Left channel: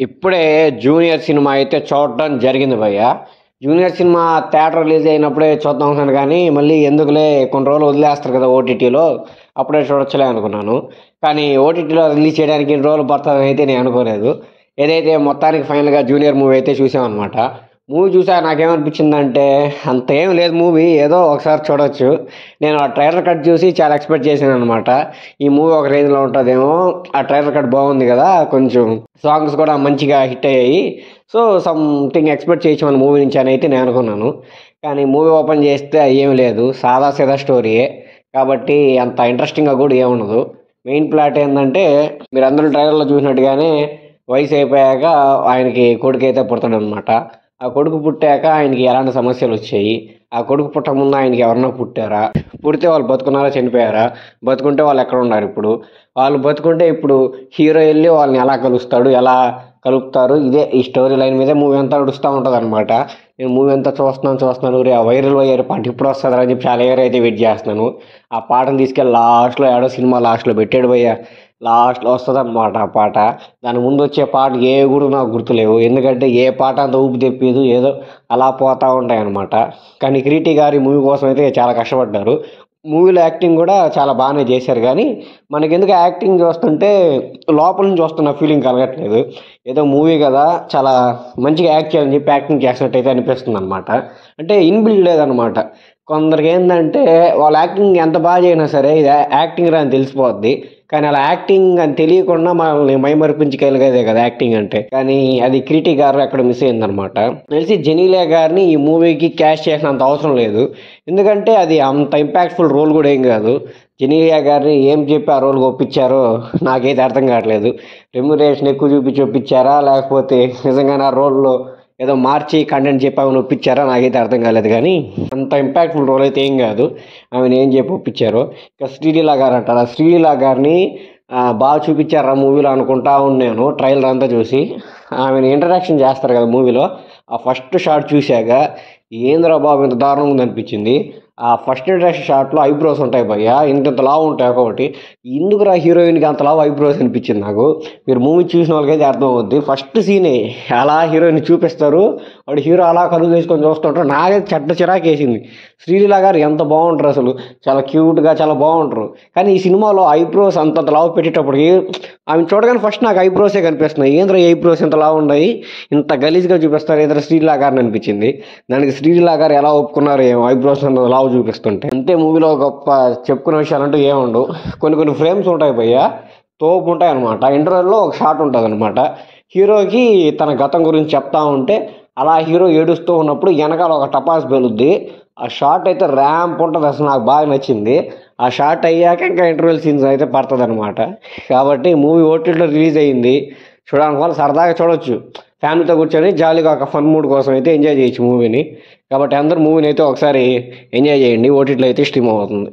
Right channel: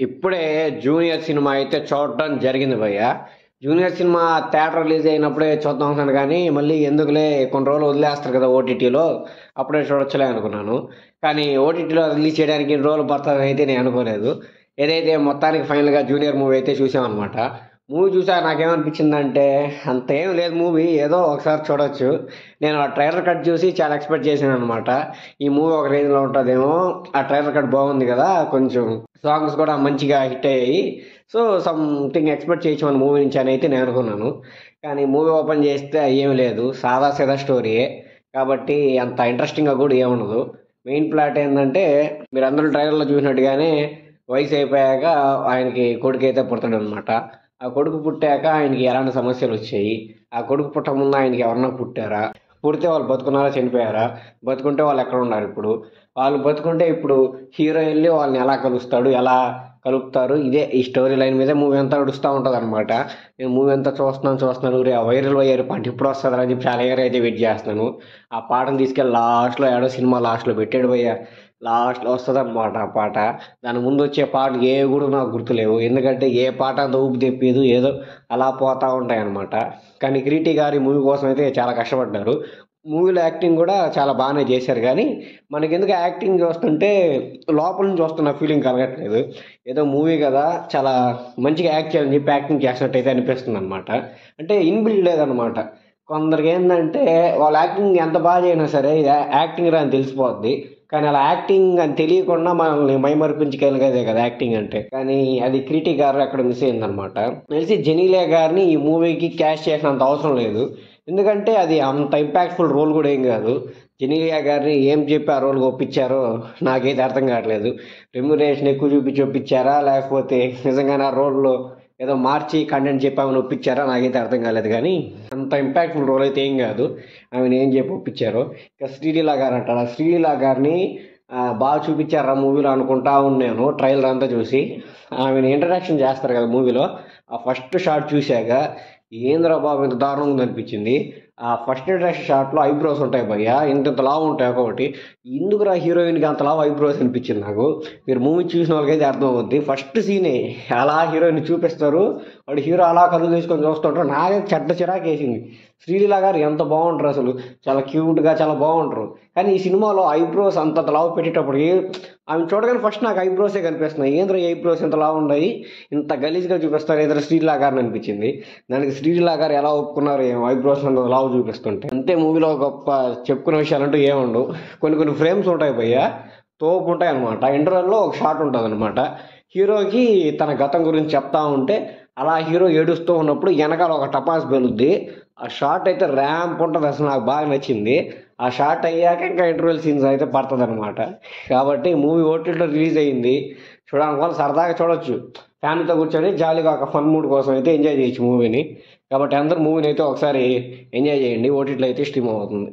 ఇప్పుడే 'junior' cinema అయితే చూడడం జరిగింది భయ్య. 'జూనియర్' సినిమా థియేటర్ రిలీజ్ అయినప్పుడే చూద్దాం అనుకున్నాను కానీ, మళ్ళీ ఎందుకులే కొన్ని రోజులు వదిలేస్తారు కదా ఓటీటీలో, అప్పుడే చూడొచ్చులే అనుకున్నాను. కానీ ఓటీటీలో రిలీజ్ చేయడానికి ఇన్ని రోజులు పడతదని అయితే నేను అనుకోలేదు. ఏదైతే మొత్తానికి ఫైనల్‌గా 'జూనియర్' మూవీ అయితే చూసామనమాట. మూవీ చూసాక నాకేమనిపించిందంటే, అంత ఏం లేదు మూవీ. ఏదో ఒకసారి చూడొచ్చు. నేను ఆ ట్రైలర్ కట్ చూసి చాలా ఎక్స్‌పెక్ట్ చేశాననమాట. ఈ మూవీ ఒక రేంజ్‌లో ఉంటదేమో, ఆ ట్రైలర్ కట్ బాగుంది కదా! కొంచెం సాంగ్స్ కూడా మంచిగా హిట్ అయ్యాయి. సో, సంథింగ్ ఎక్స్‌పెక్ట్ చేయొచ్చు మన మూవీ నుంచి అని అయితే నేను అనుకున్నాను. కానీ మూవీ ఓపెన్ చేస్తే ఏమి లేదు. సాదా సీదా స్టోరీయే. కాబట్టి అంత ఇంట్రెస్టింగ్‌గా కూడా ఏముండదు. మెయిన్ ప్లాట్ ఏందంటే, మీరందరూ ట్రైలర్‌లో చూసినట్టుగానే వయసు అయిపోయాక ఆయనకి కొడుకైతే పుడతాడనమాట. ఆ కొడుకు పుట్టాక ఆయనకి ఎలాంటి సమస్యలొచ్చాయి? ఆ కొడుకు పుట్టకముందు ఆయనకి ఎవరన్నా పుట్టారా? పుడితే వాళ్ళు బతుకున్నారా? చనిపోయారా? బతుకుంటే వాళ్ళెక్కడున్నారిప్పుడు? వాళ్ళు బతుకుంటే ఇప్పుడు హీరో ఎళ్లి వాళ్ళని ఎలా కలుస్తాడు? ఎలా కలుపుతారు? ఇదే ఈ స్టోరీ లైన్ మీదే మూవీ అంతా నడుస్తా ఉంటదనమాట. నేను మూవీ అంతా చూస్తున్నాను. ఒరేయ్! ఆ వైరల్ అయ్యారు పాట ఎప్పుడొస్తదిరా అని చెప్పి చాలా ఇయర్ అయితే వెయిట్ చేస్తున్నాను. ఆ పాటను తీసుకెళ్ళి లాస్ట్‌లో ఏడో సినిమా లాస్ట్‌లో పెట్టాడు భయ్యా. లాస్ట్‌లో వస్తదనమాట ఆ పాట. దాని ముందొచ్చే పాటలు ఏవి గూడా నాకు గుర్తులేవు. ఎందుకంటే ఏ పాట అంత ఊపు తెప్పీదు. ఏదో అలా పోతా ఉంటాయనమాట. కానీ 'కిరీటి' గారు ఈ మూవీ కోసం అయితే చాలా కష్టపడ్డారు. మూవీలో యాక్టింగ్ గూడా చాలా బానే చేశారు గానీ, మనకెందుకో యాక్టింగ్ చూస్తుంటే లోపల నుంచి వస్తున్న ఫీలింగ్ కలగట్లేదు. ఏదో మూవీ గదా! చాలా మంచిగా యాక్ట్ చేయాలని చెప్పి యాక్టింగ్ చేసినట్టయితే అనిపిస్తుందనమాట. అంటే ఇన్‌బిల్డ్ లేదనమాట. కొందరికేందంటే వాళ్ళ యాక్టింగ్ ఎంత చేసినా సరే ఇది యాక్టింగ్ రా అని తెలిసిపోద్ది. కానీ అలా యాక్టింగ్ అని తెలియకుండా మనల్ని మైమరిపించగలిగేదే కదా యాక్టింగ్ అంటే. కానీ అది 'కిరీటి' గారు అక్కడ మిస్ అయిందనమాట. తెలిసి 'జెనీలియా' గారిని ఈ మూవీకి క్యాస్ట్ చేసినంత అవసరం లేదు. ఎందుకంటే అది అంత ఇంపాక్ట్‌ఫుల్ రోల్ గూడా ఏం గాదు. 'జెనీలియా' గారిని ఏం చెప్పి ఆ రోల్‌కి ఒప్పించారో నాకైతే అర్థం కావట్లేదు. రెమ్యునరేషన్ ఎక్కువ చూపించి ఒప్పించారా? లేకపోతే నిజంగానే ఆ రోల్‌లో ఏదో మార్చి కంటెంట్ చెప్పి ఆమెను ఒప్పించారా? నాకైతే అర్థం కాలేదు గానీ, అంత ఇంపాక్ట్‌ఫుల్ రోల్ అయితే ఏం గాదు. ఆమెను ఏం చెప్పి ఒప్పించారో. ఇక 'శ్రీలీల' గారంటారా? 'శ్రీలీల' గారిని బాగా చూపించారా మూవీలో అనుకుంటా ఉన్నాను ట్రైలర్ అంతా చూసి. ఆమెను ఇంట్రడక్షన్ చేస్తారు కదా మూవీలో. ఆ ఫస్ట్ షాట్ చూశాక ఏందిరా బాబు ఇంత దారుణంగా ఉందనిపించింది. ఆ ఫస్ట్ ఇంట్రడక్షన్ షాట్‌లో ఐబ్రోస్ ఉంటాయి భయ్యా. ఇంతింత లావు ఉంటాయి ఒక్కొక్కటి. ఎందుకురా హీరోయిన్‌కి అంత లావు ఐబ్రోస్ అనిపించింది నాకు. మీరు మూవీ చూసిన వాళ్ళకైతే అర్థమవుద్ది. ఫస్ట్ సీనే అలా హీరోయిన్‌ని చూపిస్తారు. వాడు హీరో అలా కళ్ళు మూసుకొని చూస్తుంటాడు. నాకైతే చెడ్డ చిరాకేసింది. 'శ్రీలీల' గారు ఎంత బాగుంటారు అసలు. చాలా క్యూట్‌గా చాలా బాగుంటారు. కానీ ఈ సినిమాలో ఐబ్రోస్ అంతంత లావు పెట్టేటప్పటికి ఆమెను చూడగానే ఫస్ట్ నాకు ఐబ్రోసే కనిపిస్తున్నాయి. ఏందిరా ఈ ఐబ్రోస్ ఇంత లావు ఉన్నాయి. ఇంత గలీజ్‌గా చూపిస్తారు ఏదిరా 'శ్రీలీల' గారిని అనిపించింది. దానికి 'శ్రీలీల' గారు ఎలా ఒప్పుకున్నారో ఏమో ఐబ్రోస్ అంత లావు చూపిస్తుంటే. అంతే మూవీలో గొప్ప చెప్పుకునే విషయాలంటూ ఏముండవు. కొన్ని ఫ్రేమ్స్ ఉంటాయి భయ్యా. తోపుంటాయనమాట. ఇంటర్వెల్‌లో ఒక షాట్ ఉంటదనమాట. హీరోకి తన గతం గురించి చెప్తా ఉంటే, అలా హీరో ఏడుస్తూ ఉన్నప్పుడు ఎనకాల ఒక టపాస్ పేలుద్ది. ఆ షాట్ అయితే ర్యాంప్ ఉంటది. అసలు నాకు బాగా నచ్చింది. ఆ షాట్ అయ్యాక ఇంకా ఇంటర్వెల్ సీన్స్ అయితే పడతదనమాట. కాబట్టి మూవీ ఓటీటీలో రిలీజ్ అయింది. చూడాలనుకున్న సరదాగా చూడొచ్చు. ఫ్యామిలీతో కూర్చొని జాలీగా ఒక ఫన్ మూడ్ కోసం అయితే ఎంజాయ్ చేయొచ్చు మూవీని. కాబట్టి అందరూ మూవీని అయితే ఒకసారి ఎంజాయ్ చేయండి. ఓటీటీలో అయితే స్ట్రీమ్ అవుతుంది.